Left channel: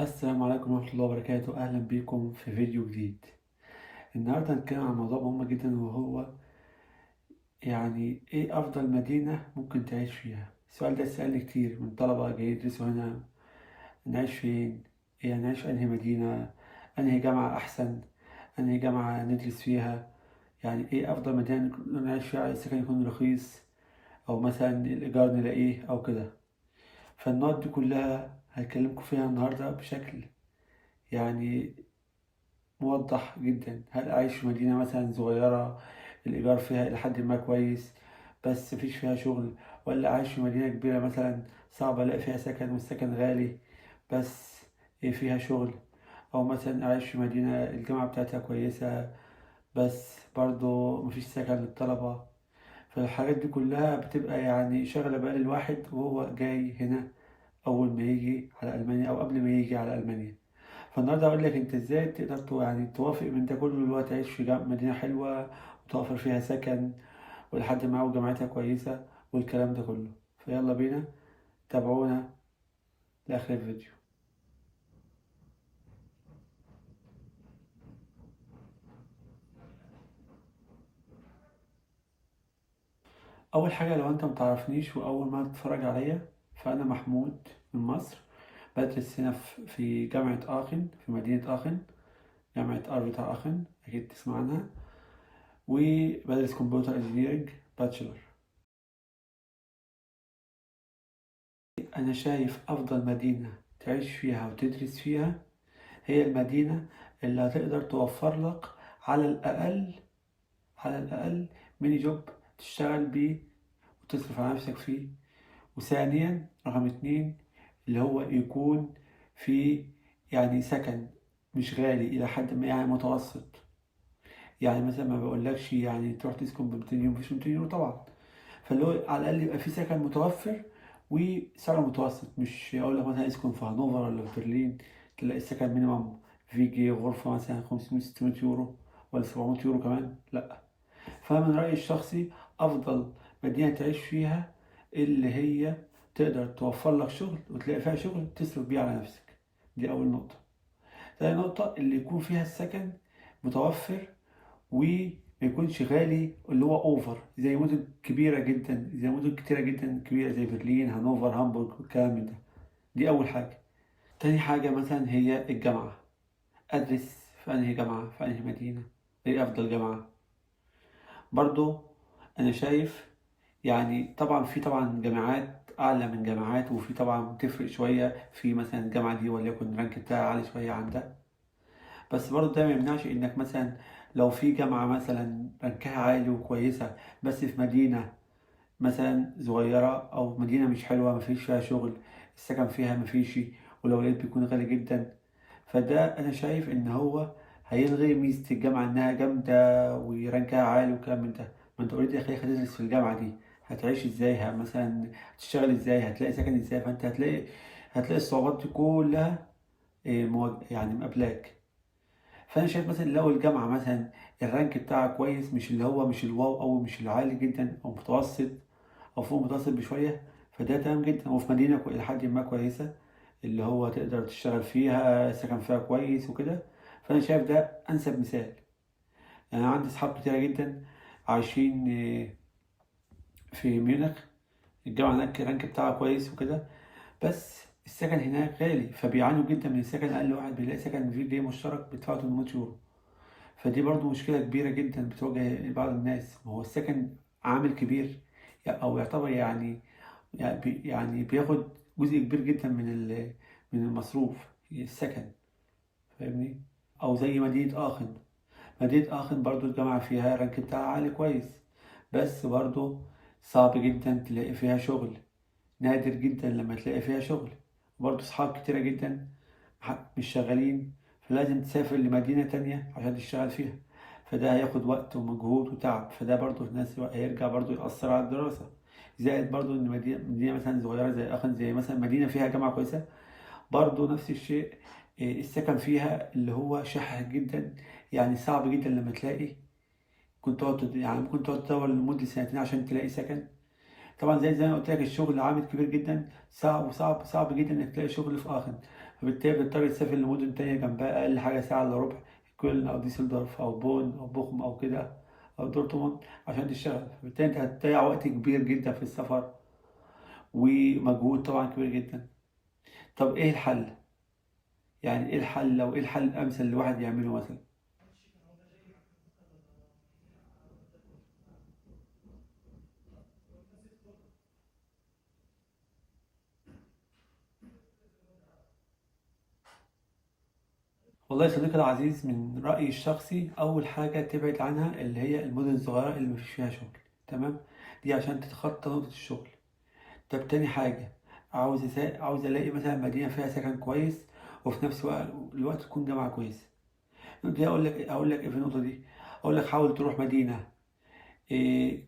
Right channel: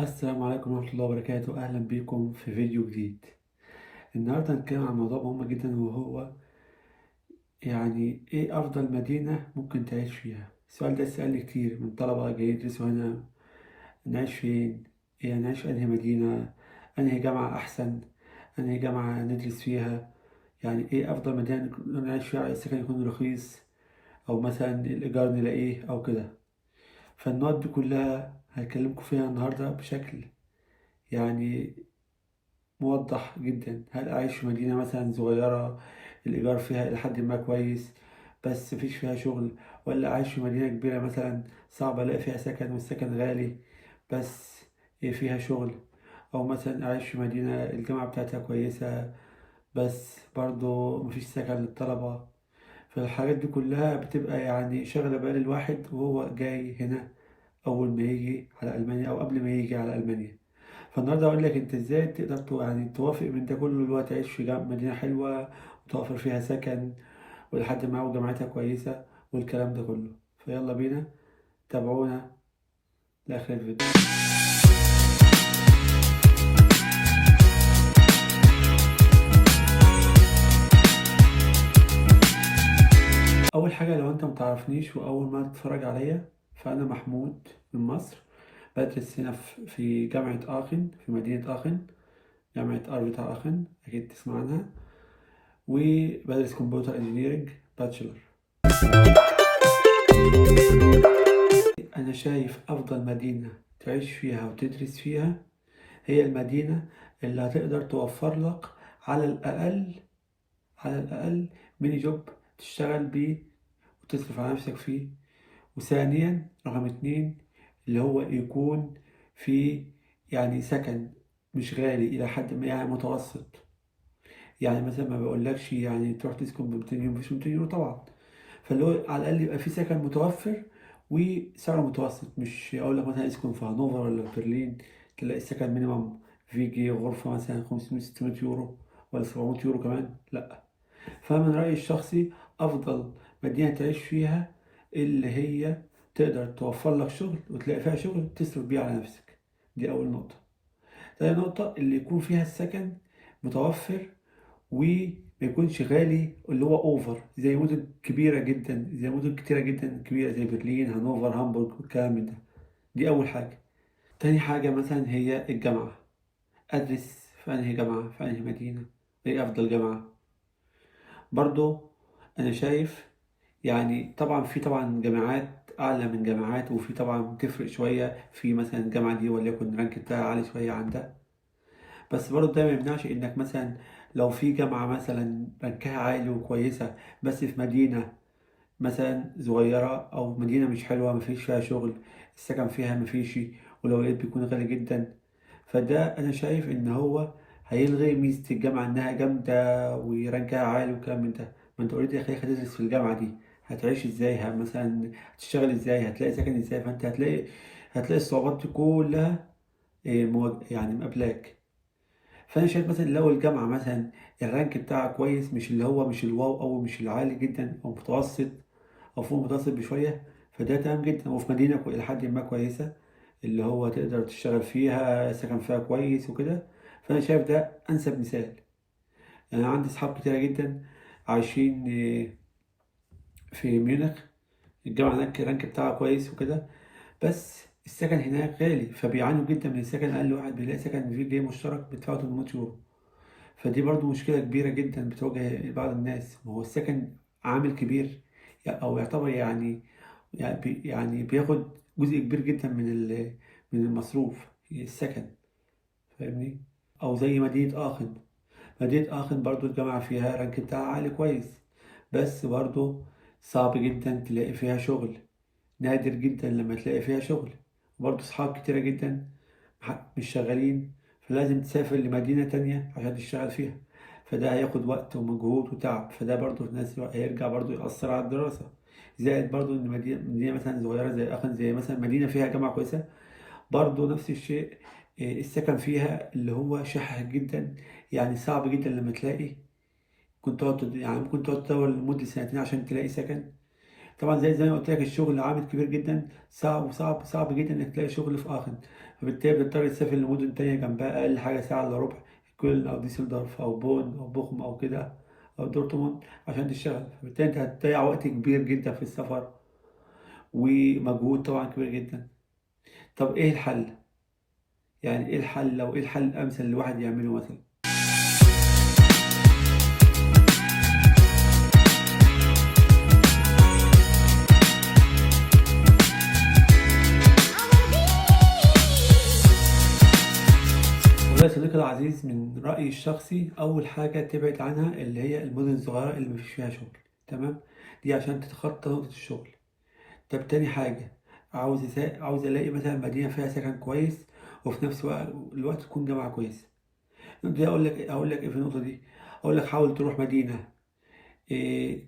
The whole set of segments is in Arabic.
السلام عليكم ورحمة الله وبركاته. أهلا بكم في فيديو جديد. النهاردة هنتكلم عن موضوع مهم جدا، وهو إيه أفضل مدينة ممكن تعيش فيها. السؤال ده سألني كتير من طلبة جايين يدرسوا هنا. نعيش فين؟ يعني نعيش في أنهي مدينة؟ أنهي جامعة أحسن؟ أنهي جامعة ندرس فيها؟ يعني إيه أفضل مدينة نعيش فيها؟ السكن يكون رخيص، أو مثلا الإيجار نلاقيه أو كده. فالنقط دي كلها هكلمكم فيها النهاردة بشكل يعني موضح جدا. هل أعيش في مدينة مثلا صغيرة الإيجار فيها إلى حد ما كويس بس مفيش فيها شغل، ولا أعيش في مدينة كبيرة مثلا صعب ألاقي فيها سكن والسكن غالي بس فيها شغل، أو مثلا أعيش في مدينة الجامعة بتاعتها كويسة بس برضو مفيش سكن للطلبة. فالحاجات دي كلها بتبقى يعني شغلة بال الواحد وهو جاي هنا أول ما يجي على ألمانيا أو قبل ما يجي على ألمانيا. فالنهارده هقول لك انت ازاي تقدر يعني توافق من ده كله، اللي هو تعيش في مدينة حلوة وتوفر فيها سكن ولحد ما وجامعتها كويسة والكلام ده كله. فيلا بينا، تابعونا لآخر الفيديو. أول حاجة، لو انت متعرفنيش وأول ما تتفرج عليا، فأنا محمود من مصر. بدرس هنا في جامعة آخن، في مدينة آخن، جامعة أرفيتا آخن، أكيد تسمع عنها. وبدرس كمبيوتر انجينيرنج باتشلر. أنا شايف أفضل مدينة تعيش فيها وتدرس فيها هي المدينة اللي هتقدر توفر لك على الأقل، على الأقل ميني جوب تشتغل بيه وتصرف على نفسك فيه. وثانيا رقم اتنين، اللي هو يكون في يعني سكن مش غالي، إلى حد ما يعني متوسط. يعني مثلا ما بقولكش يعني تروح تسكن ب 200 يورو، مفيش 200 يورو طبعا. فاللي هو على الأقل يبقى في سكن متوفر وسعره متوسط. مش أقول لك مثلا اسكن في هانوفر ولا في برلين تلاقي السكن مينيمم في جي غرفة مثلا 500 600 يورو ولا 700 يورو كمان، لأ. فمن رأيي الشخصي أفضل مدينة تعيش فيها اللي هي تقدر توفر لك شغل وتلاقي فيها شغل تصرف بيه على نفسك. دي أول نقطة. تاني نقطة، اللي يكون فيها السكن متوفر وما يكونش غالي اللي هو اوفر، زي مدن كبيره جدا، زي مدن كتيره جدا كبيره زي برلين هانوفر هامبورغ والكلام من ده. دي اول حاجه. تاني حاجه مثلا هي الجامعه. ادرس في انهي جامعه، في انهي مدينه، ايه افضل جامعه. برضو انا شايف يعني طبعا في طبعا جامعات اعلى من جامعات، وفي طبعا تفرق شويه في مثلا الجامعه دي وليكن الرانك بتاعها عالي شويه عن ده. بس برضه ده ما يمنعش انك مثلا لو في جامعة مثلا رانكها عالي وكويسة بس في مدينة مثلا صغيرة أو مدينة مش حلوة مفيش فيها شغل، السكن فيها مفيش، ولو لقيت بيكون غالي جدا. فده أنا شايف إن هو هيلغي ميزة الجامعة إنها جامدة ورانكها عالي والكلام من ده. ما أنت أوريدي يا أخي هتدرس في الجامعة دي، هتعيش إزاي؟ مثلا هتشتغل إزاي؟ هتلاقي سكن إزاي؟ فأنت هتلاقي الصعوبات دي كلها يعني مقابلاك. فانا شايف مثلا لو الجامعه مثلا الرانك بتاعها كويس، مش اللي هو مش الواو او مش العالي جدا او متوسط او فوق متوسط بشويه، فده تمام جدا. وفي مدينه الى حد ما كويسه اللي هو تقدر تشتغل فيها، سكن فيها كويس وكده. فانا شايف ده انسب مثال. يعني انا عندي اصحاب كتيره جدا عايشين في ميونخ. الجامعه هناك الرانك بتاعها كويس وكده، بس السكن هناك غالي، فبيعانوا جدا من السكن. اقل واحد بيلاقي سكن في جنيه مشترك بيدفعه 800 يورو. فدي برضو مشكلة كبيرة جدا بتواجه بعض الناس. وهو السكن عامل كبير، أو يعتبر يعني بياخد جزء كبير جدا من المصروف، السكن. فاهمني؟ أو زي مدينة آخن. مدينة آخن برضو الجامعة فيها رانك بتاعها عالي كويس، بس برضو صعب جدا تلاقي فيها شغل. نادر جدا لما تلاقي فيها شغل. برضو صحاب كتيرة جدا مش شغالين، فلازم تسافر لمدينة تانية عشان تشتغل فيها. فده هياخد وقت ومجهود وتعب، فده برضو في نفس الوقت هيرجع برضو يأثر على الدراسة. زائد برضو إن مدينة مثلا صغيرة زي أخن، زي مثلا مدينة فيها جامعة كويسة، برضو نفس الشيء. السكن فيها اللي هو شحح جدا، يعني صعب جدا لما تلاقي. كنت تقعد يعني ممكن تقعد تدور لمدة سنتين عشان تلاقي سكن. طبعا زي ما قلت لك الشغل عامل كبير جدا، صعب وصعب صعب جدا انك تلاقي شغل في اخر. فبالتالي بنضطر نسافر لمدن تانية جنبها أقل حاجة ساعة إلا ربع، كولن أو ديسلدورف أو بون أو بوخم أو كده أو دورتموند عشان تشتغل. فبالتالي أنت هتضيع وقت كبير جدا في السفر ومجهود طبعا كبير جدا. طب إيه الحل؟ يعني إيه الحل، لو إيه الحل الأمثل اللي الواحد يعمله مثلا؟ والله يا صديقي العزيز، من رأيي الشخصي أول حاجة تبعد عنها اللي هي المدن الصغيرة اللي مفيش فيها شغل. تمام؟ دي عشان تتخطى نقطة الشغل. طب تاني حاجة، عاوز ألاقي مثلا مدينة فيها سكن كويس وفي نفس الوقت تكون جامعة كويسة. دي أقول لك إيه في النقطة دي؟ أقول لك حاول تروح مدينة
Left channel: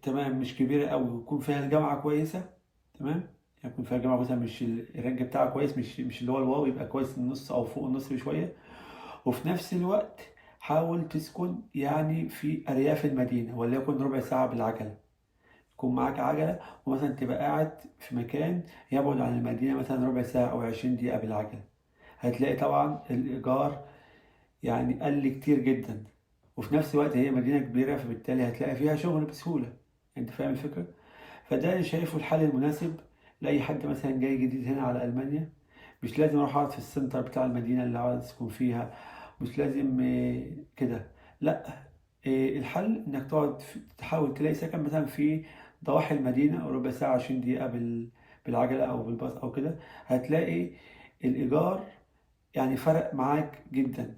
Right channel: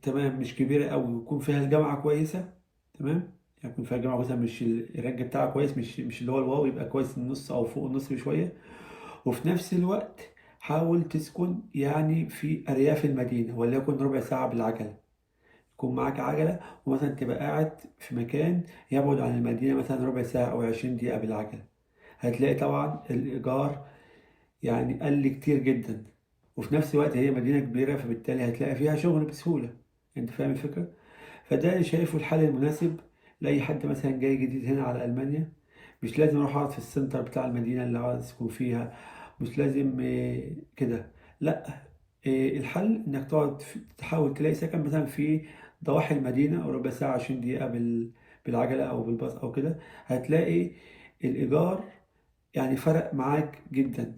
تمام مش كبيرة أوي ويكون فيها الجامعة كويسة. تمام؟ يعني يكون فيها جامعة كويسة، مش الرانك بتاعها كويس، مش اللي هو الواو، يبقى كويس النص أو فوق النص بشوية. وفي نفس الوقت حاول تسكن يعني في أرياف المدينة، وليكن ربع ساعة بالعجلة. يكون معاك عجلة ومثلا تبقى قاعد في مكان يبعد عن المدينة مثلا ربع ساعة أو 20 دقيقة بالعجلة. هتلاقي طبعا الإيجار يعني قل كتير جدا، وفي نفس الوقت هي مدينة كبيرة فبالتالي هتلاقي فيها شغل بسهولة. أنت فاهم الفكرة؟ فده اللي شايفه الحل المناسب لأي حد مثلا جاي جديد هنا على ألمانيا. مش لازم أروح أقعد في السنتر بتاع المدينة اللي عاوز أسكن فيها، مش لازم كده. لأ، الحل إنك تحاول تلاقي سكن مثلا في ضواحي المدينة، ربع ساعة 20 دقيقة بالعجلة أو بالباص أو كده. هتلاقي الإيجار يعني فرق معاك جدا.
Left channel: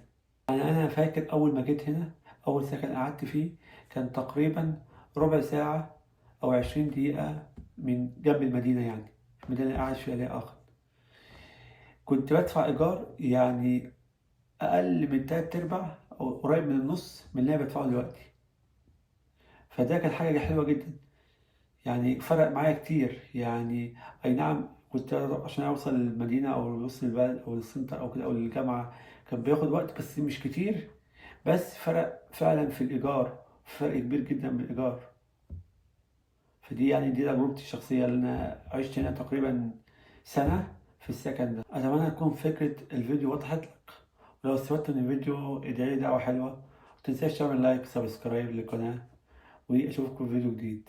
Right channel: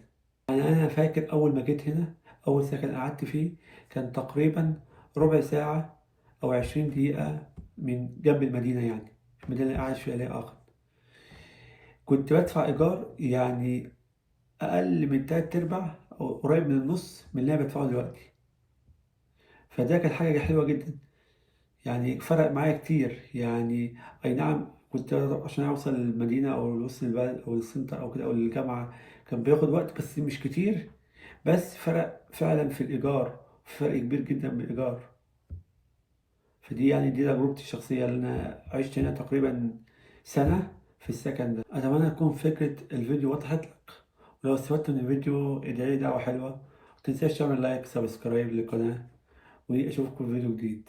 يعني أنا فاكر أول ما جيت هنا، أول سكن قعدت فيه كان تقريبا ربع ساعة أو 20 دقيقة من جنب المدينة، يعني المدينة اللي قاعد فيها ليا آخر. كنت بدفع إيجار يعني أقل من 3/4 أو قريب من النص من اللي أنا بدفعه دلوقتي. فده كانت حاجة حلوة جدا، يعني فرق معايا كتير. يعني أي نعم كنت عشان أوصل للمدينة أو لوسط البلد أو للسنتر أو كده أو للجامعة كان بياخد وقت بس مش كتير، بس فرق فعلا في الإيجار، فرق كبير جدا من الإيجار. فدي يعني دي تجربتي الشخصية، اللي أنا عشت هنا تقريبا سنة في السكن ده. أتمنى تكون فكرة الفيديو وضحت لك، ولو استفدت من الفيديو ادعي لي دعوة حلوة، متنساش تعمل لايك سبسكرايب للقناة، وأشوفكم في فيديو جديد.